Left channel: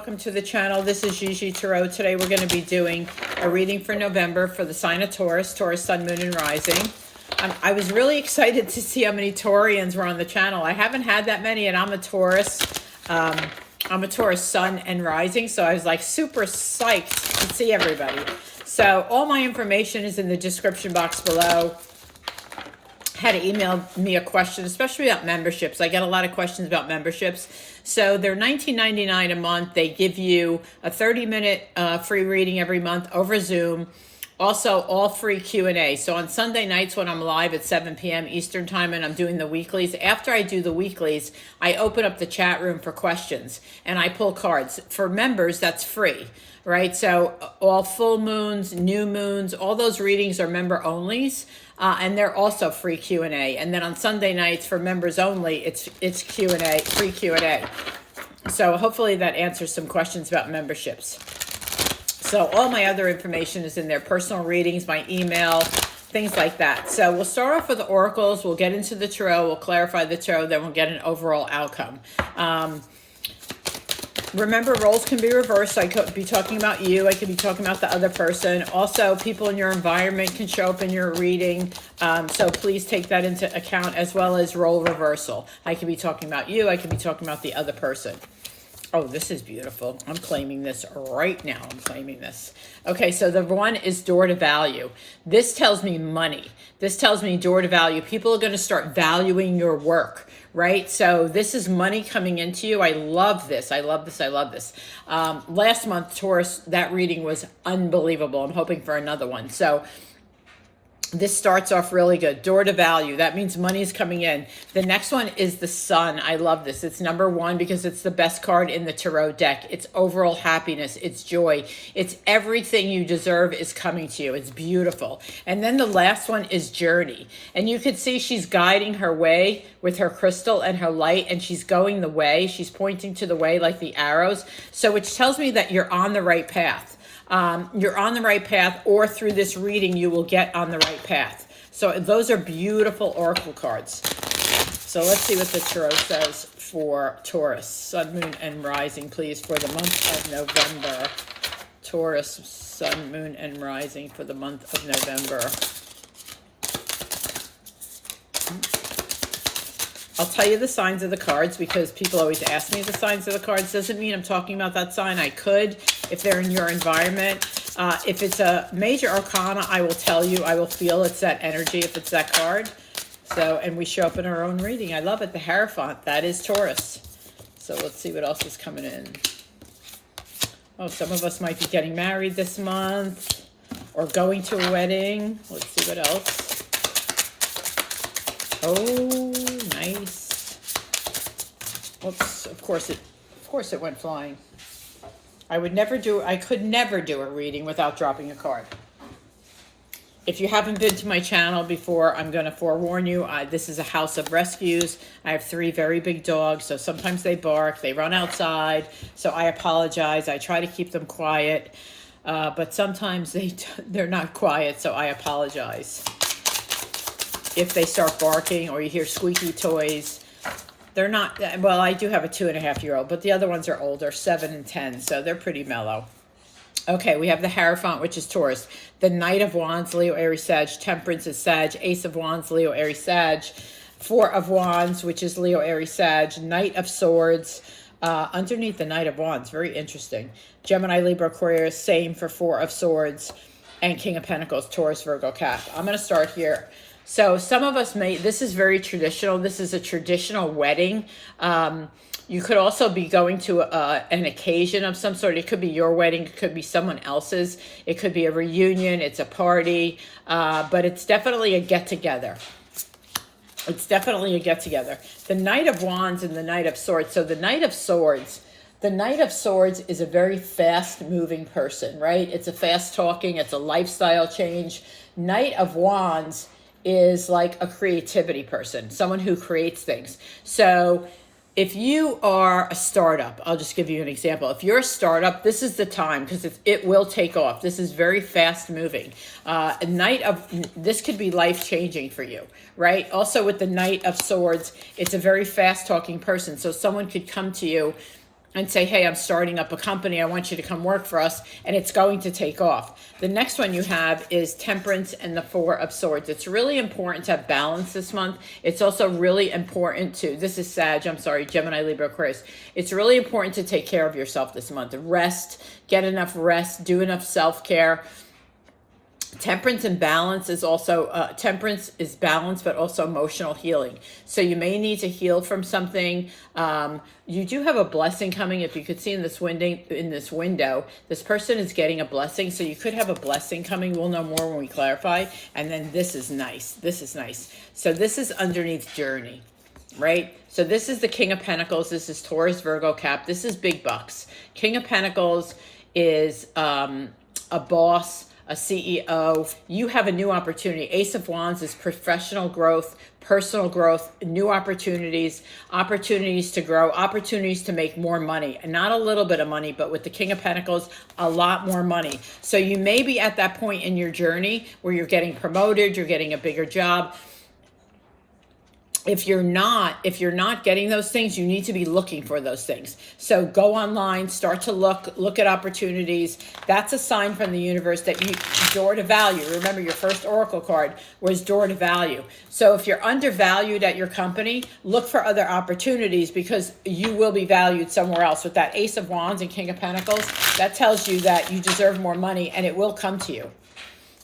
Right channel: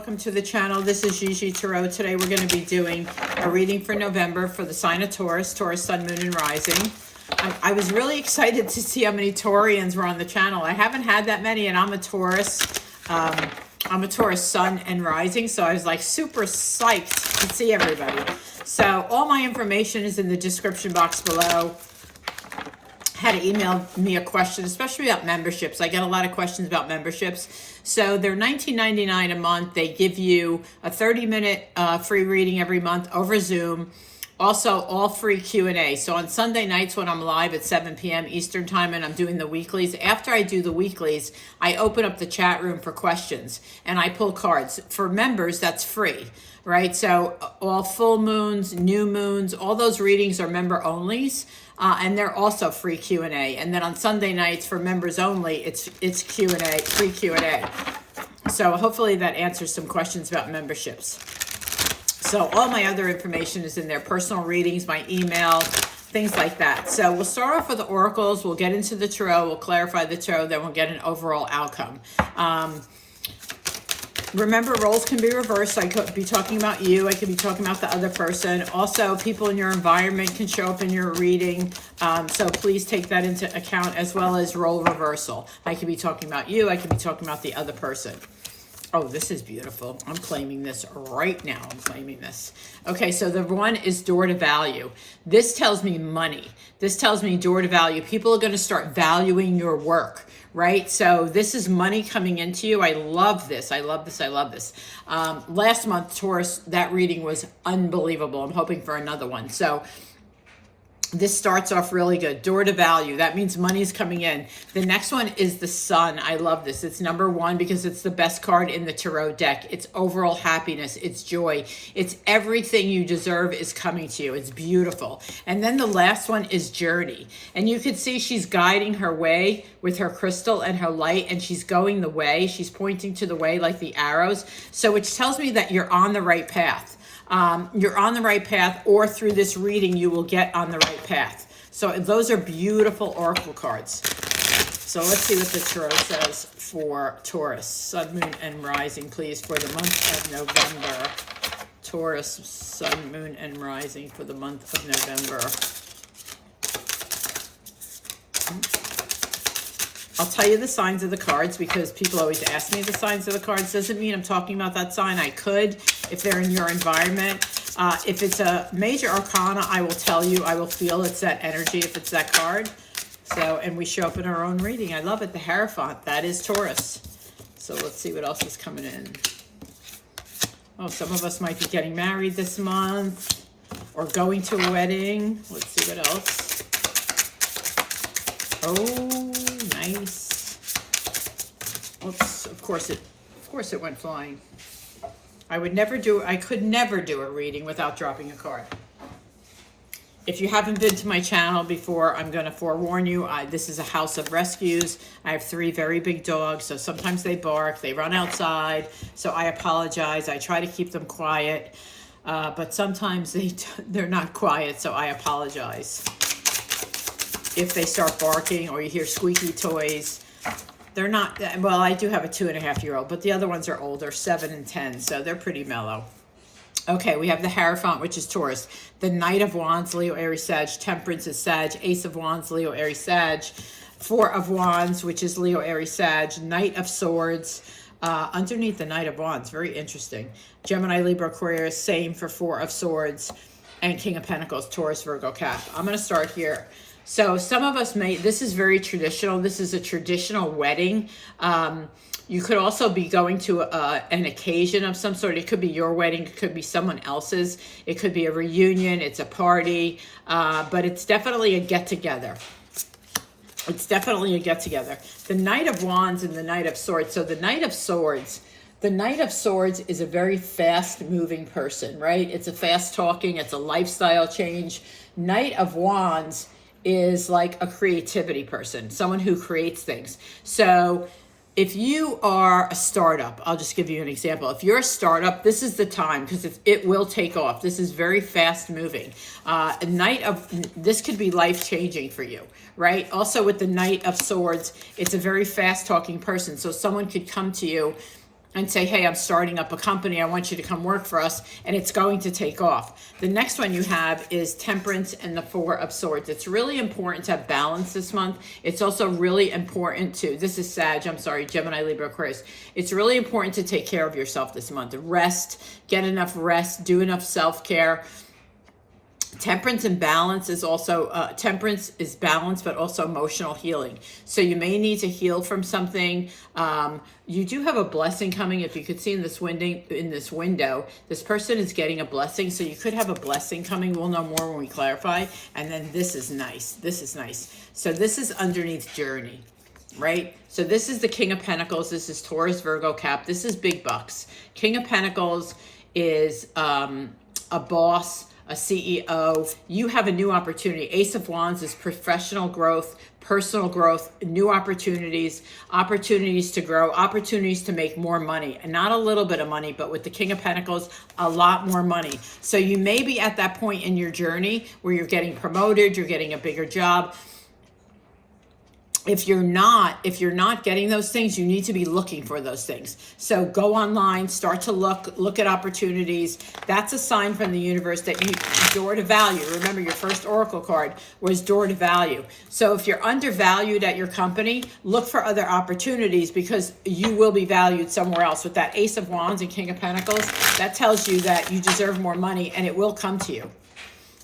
welcome to the channel. This is GiGi Tarot. Today we're going to be doing a reading for November for the sign of Taurus, Taurus Sun, Moon, and Rising. I was really excited to see how many Taurians were on the channel. I haven't had that many, and I'm a Taurus. I'm a Taurus Sun and Rising, so I was like super psyched to see everybody. So all my information is in the description box below. Had to email me a question, especially about memberships. I get a lot of questions about memberships. So they're $19.99 a month. They give you a 30-minute free reading every month over Zoom. Also, all free Q&A. So on Sunday nights when I'm live at 7 p.m. Eastern Time and I'm doing the weeklies, after I do the weeklies, I open up the chat room for questions and I pull cards. For members, that's free, right? So all full moons, new moons, all those readings are member onlys. And they're also free Q&A. And then on Sunday nights for members only, it's Q&A, free Q&A. So hopefully that answers some questions about memberships. So all my other information is in there, personal readings, my email, things like that. So we'll start off with the oracles. We'll get into the tarot. We'll clarify the tarot. Then we'll get an overall outcome. Remember, roles can be reversed. I could be talking about you. I could be talking about the other person. Also, people in your environment can show up in your reading. So please take that into account, as well as role reversal. I could be talking about you. I could be talking about the other person. Oh, this is beautiful. I'm claiming this right now. I'm claiming this. Okay, so the one is door to value. This tells me money. This tells me door to value. People are going to start valuing your work. Right? So this is money coming into you. I love this. I love this. I love this. Last month, Taurus, that reading was unbelievable. I'm hoping for another one. So this starts off really good. Door to value. That means money's coming in. The next one is the Sun. I love this. It's number one because it's the best card in the tarot deck. It's overall happiness. It's joy. It's everything you deserve is coming to you. It's beautiful. And then the last one is journey. And you could see she's guiding her way with her crystal and her light, and she's going the way. She's pointing to the way like the arrows. So which tells me that you're on the right path. You're on the right path, or through this reading, you will get on the right path. So those are beautiful oracle cards. So let's see what the tarot says for Taurus, Sun, Moon, and Rising, please, for the month of November. Taurus, Sun, Moon, and Rising for the month of November. I'll tell you the signs of the cards because people always ask me the signs of the cards. Doesn't mean I'm talking about that sign. I could if they're in your environment. If it's a major arcana, I will tell you. I will feel it's that energy if it's that card. So, and we show up in our own reading. I love it. The Hierophant. That is Taurus. So let's see what else is coming in. Oh, some of us might be getting married this month or going to a wedding. Let's see what else. Oh, nice. Oops, of course it went flying. I could never do a reading without dropping a card. If you haven't been to my channel before, I'm going to forewarn you. This is a house of rescues. I have 3 very big dogs, so sometimes they bark, they run outside, so I apologize. I try to keep them quiet, but sometimes they're not quiet, so I apologize. If they start barking or you hear squeaky toys, they're not, well, I do have a 2.5-year-old, but the other ones are older, 7 and 10, so they're pretty mellow. Okay, we have the Hierophant, which is Taurus. The Knight of Wands, Leo, Aries, Sag. Temperance is Sag. Ace of Wands, Leo, Aries, Sag. 4 of Wands, which is Leo, Aries, Sag. Knight of Swords. Underneath the Knight of Wands, very interesting. Gemini, Libra, Aquarius, same for 4 of Swords. And King of Pentacles, Taurus, Virgo, Cap. I'm going to start here. So some of us this is very traditional. This is a traditional wedding. You could also be going to an occasion of some sort. It could be your wedding. It could be someone else's. It could be a reunion. It's a party. But it's definitely a get-together. It's definitely a get-together. The Knight of Wands and the Knight of Swords. So the Knight of Swords. The Knight of Swords is a very fast-moving person, right? It's a fast-talking. It's a lifestyle change. Knight of Wands is like a creativity person, someone who creates things. So if you are a startup, I'll just give you an example. If you're a startup, this is the time because it will take off. This is very fast moving. This could be life changing for you, right? Also with the Knight of Swords, it's a very fast talking person. So someone could come to you and say, hey, I'm starting up a company. I want you to come work for us, and it's going to take off. The next one you have is Temperance and the Four of Swords. It's really important to have balance this month. It's also really important to, this is Sag, I'm sorry, Gemini, Libra, Aquarius. It's really important to take care of yourself this month. Rest, get enough rest, do enough self-care. Temperance and balance is also, temperance is balance, but also emotional healing. So you may need to heal from something. You do have a blessing coming. If you could see in this window, this person is getting a blessing. So you could have a blessing coming. We'll know more when we clarify. And then this is nice. This is nice. So this is underneath journey, right? So this is the King of Pentacles. This is Taurus, Virgo, Cap. This is big bucks. King of Pentacles is a boss, a CEO. You have a new opportunity. Ace of Wands is professional growth, personal growth, new opportunities, opportunities to grow, opportunities to make more money. And not a little bit of money, but with the King of Pentacles, a lot more money. So you may be at that point in your journey where you're getting promoted, you're getting a bigger job. If you're not getting those things, you need to be looking for those things. So go online, start to look at opportunities. That's a sign from the universe that you door to value. Remember, your first oracle card was door to value. So if you're undervalued at your company, look for other opportunities because you will be valued somewhere else. With that Ace of Wands and King of Pentacles, that tells you that you deserve more money and it will come to you.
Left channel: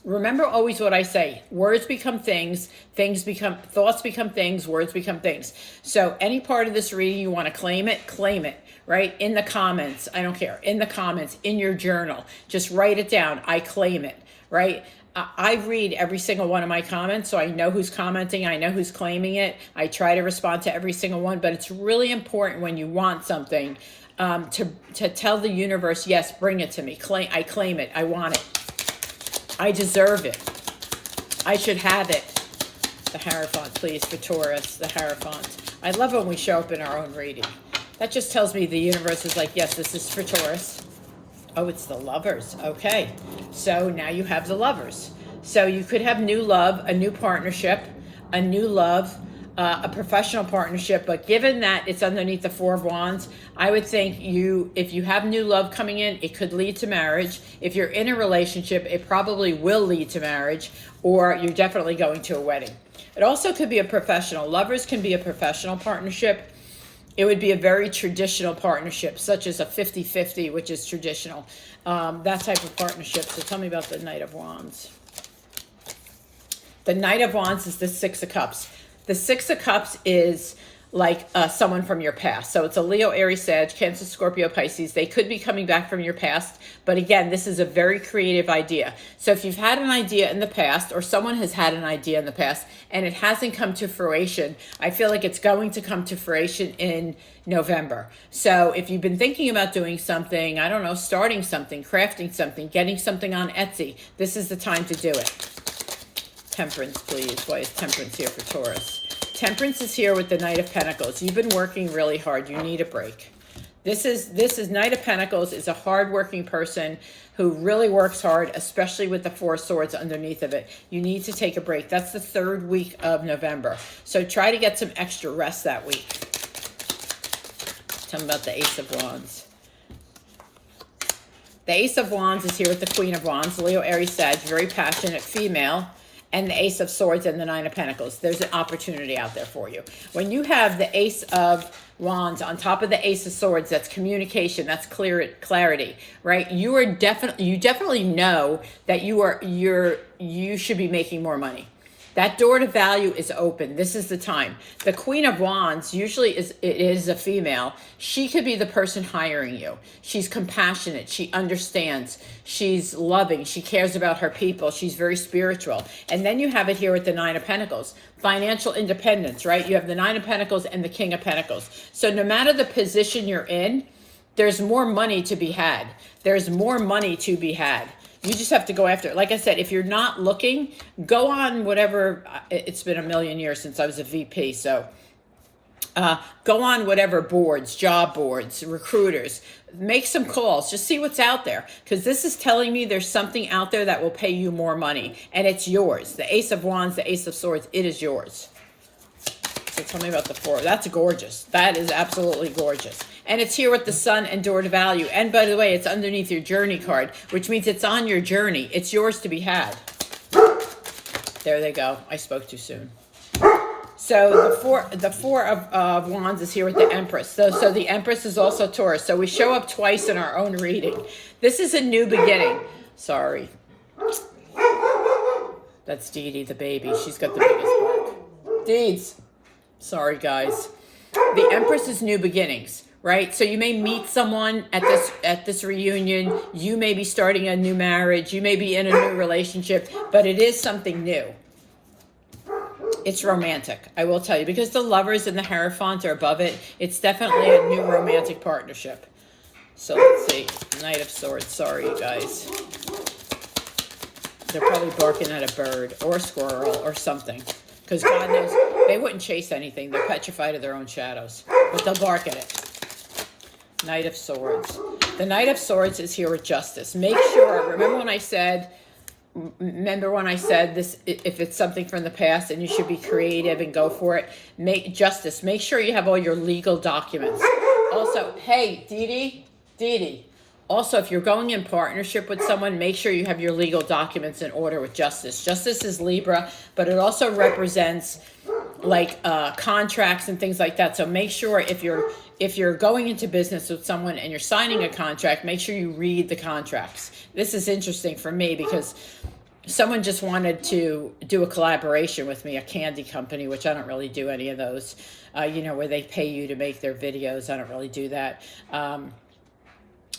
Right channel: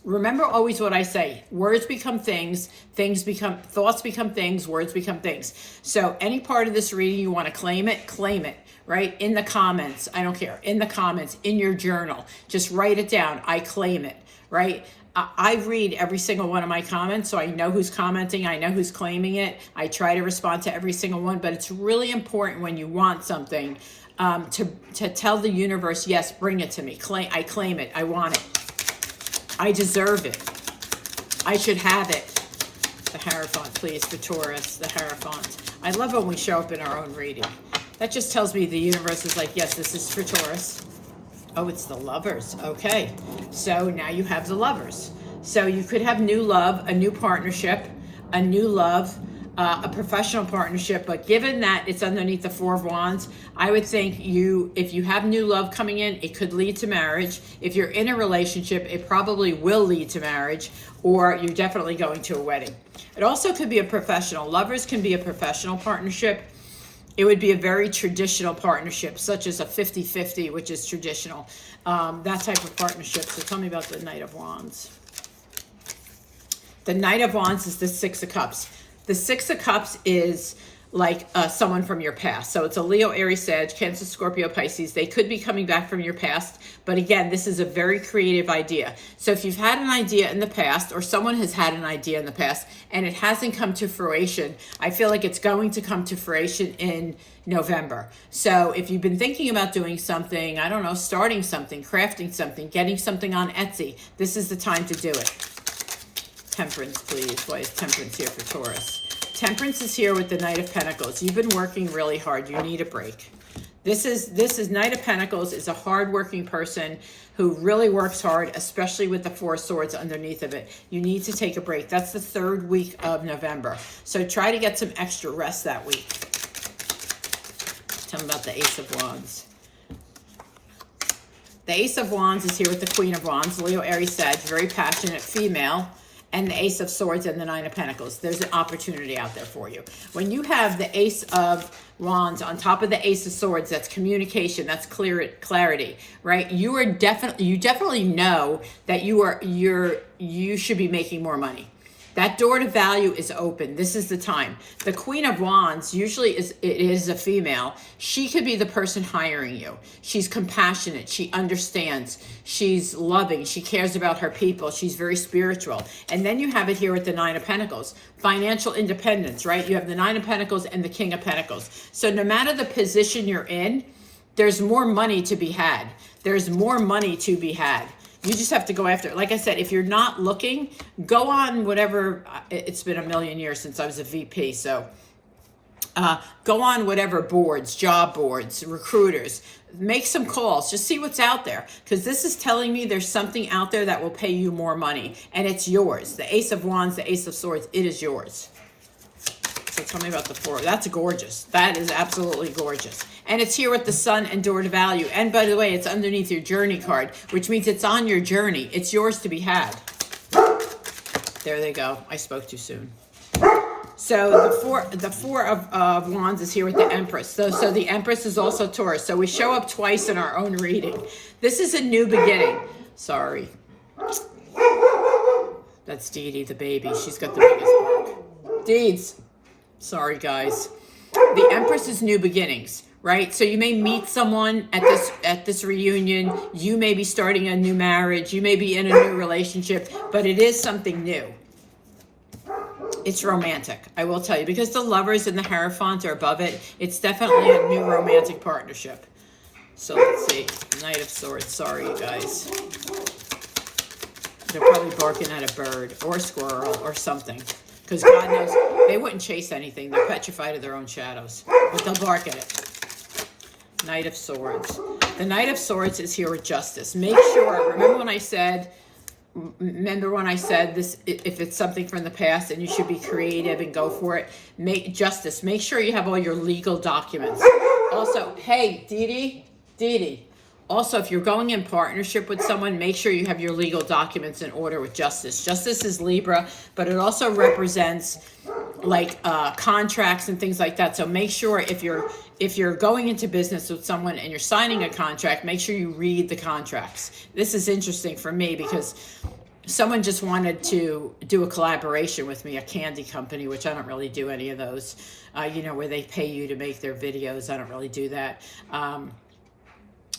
Remember always what I say, words become things, thoughts become things, words become things. So any part of this reading you want to claim it, right? In the comments, I don't care, in the comments, in your journal, just write it down, I claim it, right? I read every single one of my comments, so I know who's commenting, I know who's claiming it. I try to respond to every single one, but it's really important when you want something to tell the universe, yes, bring it to me, I claim it, I want it. I deserve it. I should have it. The Hierophant, please, for Taurus, the Hierophant. I love when we show up in our own reading. That just tells me the universe is like, yes, this is for Taurus. Oh, it's the Lovers. Okay. So now you have the Lovers. So you could have new love, a new partnership, a new love, a professional partnership, but given that it's underneath the Four of Wands, I would think if you have new love coming in, it could lead to marriage. If you're in a relationship, it probably will lead to marriage, or you're definitely going to a wedding. It also could be a professional. Lovers can be a professional partnership. It would be a very traditional partnership, such as a 50-50, which is traditional. That type of partnership. So tell me about the Knight of Wands. The Knight of Wands is the Six of Cups. The Six of Cups is like someone from your past. So it's a Leo, Aries, Sag, Cancer, Scorpio, Pisces. They could be coming back from your past. But again, this is a very creative idea. So if you've had an idea in the past, or someone has had an idea in the past, and it hasn't come to fruition, I feel like it's going to come to fruition in November. So if you've been thinking about doing something, I don't know, starting something, crafting something, getting something on Etsy, this is the time to do it. Temperance, please. Why is Temperance here for Taurus? Temperance is here with the Knight of Pentacles. You've been working really hard. You need a break. This is Knight of Pentacles is a hardworking person who really works hard, especially with the Four Swords underneath of it. You need to take a break. That's the third week of November. So try to get some extra rest that week. Tell me about the Ace of Wands. The Ace of Wands is here with the Queen of Wands. Leo, Aries, Sag, very passionate female. And the Ace of Swords and the Nine of Pentacles. There's an opportunity out there for you. When you have the Ace of Wands on top of the Ace of Swords, that's communication, that's clarity, right? You definitely know that you should be making more money. That door to value is open. This is the time. The Queen of Wands usually is a female. She could be the person hiring you. She's compassionate. She understands. She's loving. She cares about her people. She's very spiritual. And then you have it here with the Nine of Pentacles. Financial independence, right? You have the Nine of Pentacles and the King of Pentacles. So no matter the position you're in, there's more money to be had. There's more money to be had. You just have to go after it. Like I said, if you're not looking, go on whatever. It's been a million years since I was a VP. So go on whatever boards, job boards, recruiters. Make some calls. Just see what's out there. Because this is telling me there's something out there that will pay you more money. And it's yours. The Ace of Wands, the Ace of Swords, it is yours. So tell me about the Four. That's gorgeous. That is absolutely gorgeous. And it's here with the Sun and Door to Value. And by the way, it's underneath your journey card, which means it's on your journey. It's yours to be had. There they go. I spoke too soon. So the four of Wands is here with the Empress. So the Empress is also Taurus. So we show up twice in our own reading. This is a new beginning. Sorry. That's Dee Dee, the baby. She's got the biggest bark. Deeds. Sorry, guys. The Empress is new beginnings, right? So you may meet someone at this reunion. You may be starting a new marriage. You may be in a new relationship, but it is something new. It's romantic, I will tell you, because the Lovers and the Hierophant are above it. It's definitely a new romantic partnership. So let's see. Knight of Swords. Sorry, you guys. They're probably barking at a bird or a squirrel or something. Because God knows they wouldn't chase anything. They're petrified of their own shadows. But they'll bark at it. Knight of Swords. The Knight of Swords is here with justice. Make sure, remember when I said this, if it's something from the past and you should be creative and go for it, make justice. Make sure you have all your legal documents. Also, hey, Dee Dee. Also, if you're going in partnership with someone, make sure you have your legal documents in order with justice. Justice is Libra, but it also represents like contracts and things like that. So make sure if you're going into business with someone and you're signing a contract, make sure you read the contracts. This is interesting for me because someone just wanted to do a collaboration with me, a candy company, which I don't really do any of those, where they pay you to make their videos. I don't really do that.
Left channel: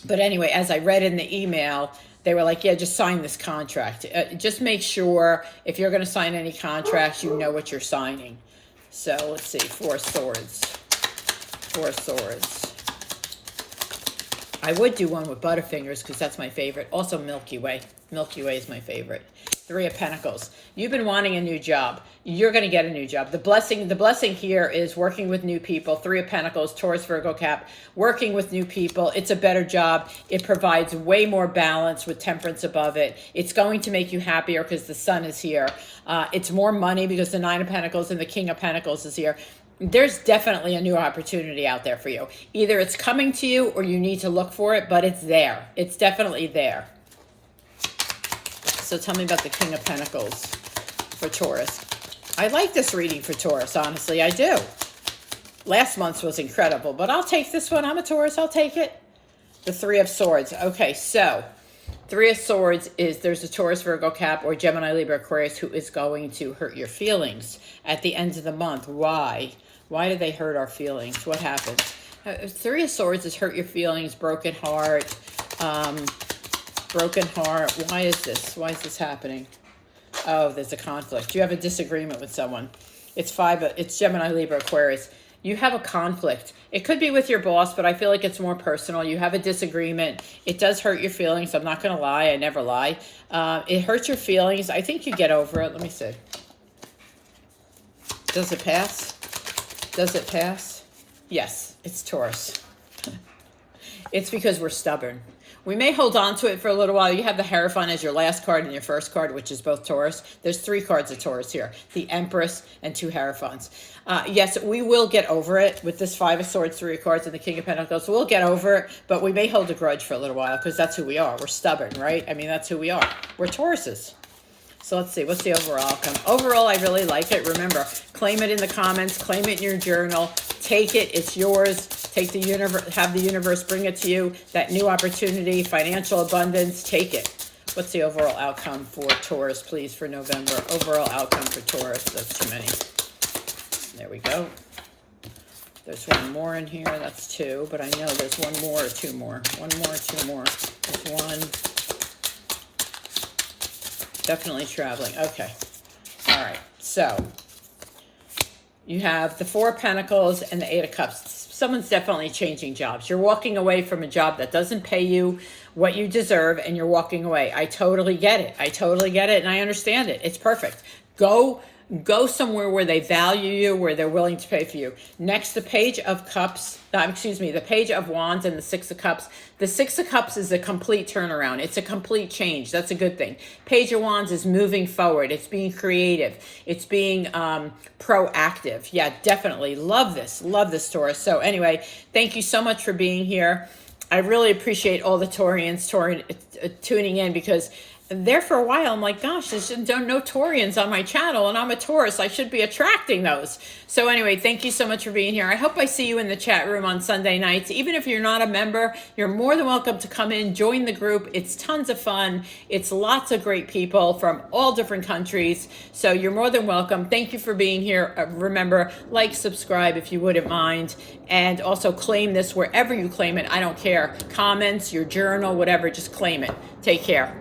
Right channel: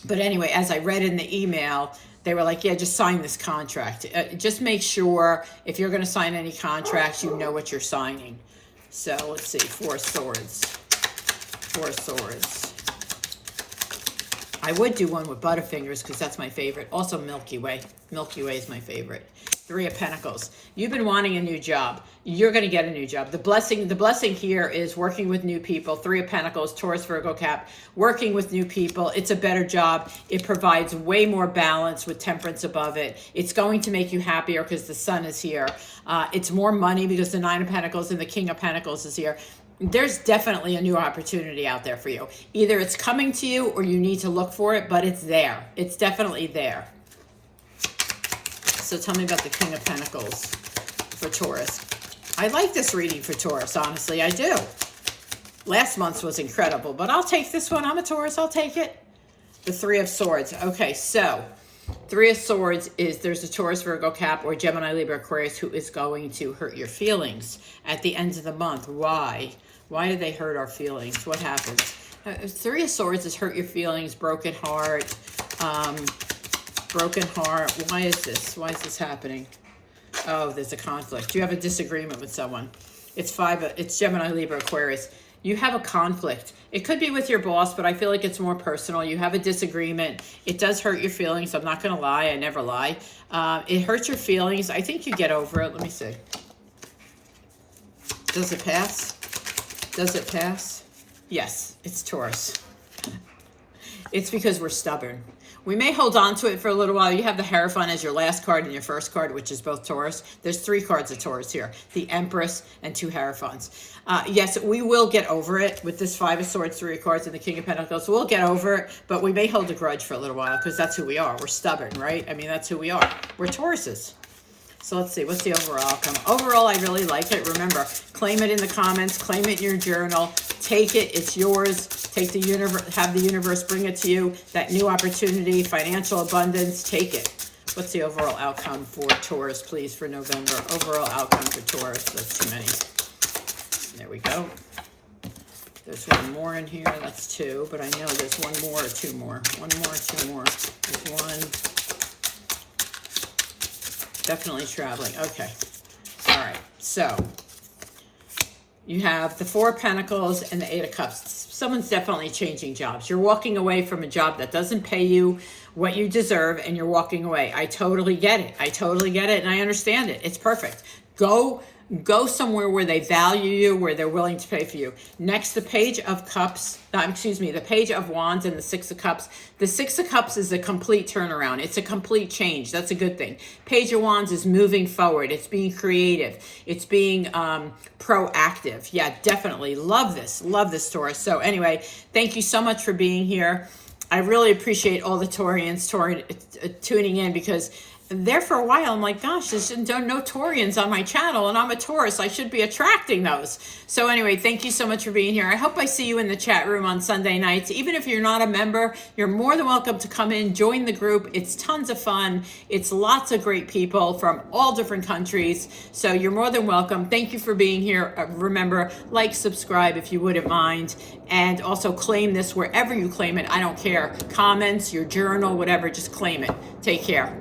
But anyway, as I read in the email, they were like, yeah, just sign this contract. Just make sure if you're going to sign any contracts, you know what you're signing. So let's see, Four Swords. I would do one with Butterfingers because that's my favorite. Also Milky Way. Milky Way is my favorite. Three of Pentacles. You've been wanting a new job. You're going to get a new job. The blessing here is working with new people. Three of Pentacles, Taurus, Virgo, Cap. Working with new people. It's a better job. It provides way more balance with Temperance above it. It's going to make you happier because the Sun is here. It's more money because the Nine of Pentacles and the King of Pentacles is here. There's definitely a new opportunity out there for you. Either it's coming to you or you need to look for it, but it's there. It's definitely there. So tell me about the King of Pentacles for Taurus. I like this reading for Taurus, honestly, I do. Last month's was incredible, but I'll take this one. I'm a Taurus, I'll take it. The Three of Swords. Okay, so Three of Swords is there's a Taurus, Virgo, Cap, or Gemini, Libra, Aquarius who is going to hurt your feelings at the end of the month. Why? Why do they hurt our feelings? What happens? Three of Swords is hurt your feelings, broken heart, Why is this happening? Oh, there's a conflict. You have a disagreement with someone. It's Gemini, Libra, Aquarius. You have a conflict. It could be with your boss, but I feel like it's more personal. You have a disagreement. It does hurt your feelings. I'm not going to lie. I never lie. It hurts your feelings. I think you get over it. Let me see. Does it pass? Does it pass? Yes, it's Taurus. It's because we're stubborn. We may hold on to it for a little while. You have the Hierophant as your last card and your first card, which is both Taurus. There's three cards of Taurus here. The Empress and two Hierophants. Yes, we will get over it with this Five of Swords, three cards, and the King of Pentacles. We'll get over it, but we may hold a grudge for a little while because that's who we are. We're stubborn, right? I mean, that's who we are. We're Tauruses. So let's see. What's the overall outcome? Overall, I really like it. Remember, claim it in the comments. Claim it in your journal. Take it. It's yours. Take the universe. Have the universe bring it to you. That new opportunity, financial abundance. Take it. What's the overall outcome for Taurus, please, for November? Overall outcome for Taurus. That's too many. There we go. There's one more in here. That's two. But I know there's one more or two more. One more or two more. There's one. Definitely traveling. Okay. All right. So you have the Four of Pentacles and the Eight of Cups. Someone's definitely changing jobs. You're walking away from a job that doesn't pay you what you deserve, and you're walking away. I totally get it. I totally get it, and I understand it. It's perfect. Go Go somewhere where they value you, where they're willing to pay for you. Next, the Page of Cups, the Page of Wands and the Six of Cups. The Six of Cups is a complete turnaround. It's a complete change. That's a good thing. Page of Wands is moving forward. It's being creative. It's being proactive. Yeah, definitely. Love this, Taurus. So anyway, thank you so much for being here. I really appreciate all the Taurians tuning in, because there for a while I'm like, gosh, there's no Taurians on my channel, and I'm a Taurus. I should be attracting those. So anyway, thank you so much for being here. I hope I see you in the chat room on Sunday nights. Even if you're not a member, you're more than welcome to come in, join the group. It's tons of fun. It's lots of great people from all different countries. So you're more than welcome. Thank you for being here. Remember, like, subscribe if you wouldn't mind, and also claim this wherever you claim it. I don't care. Comments, your journal, whatever, just claim it. Take care.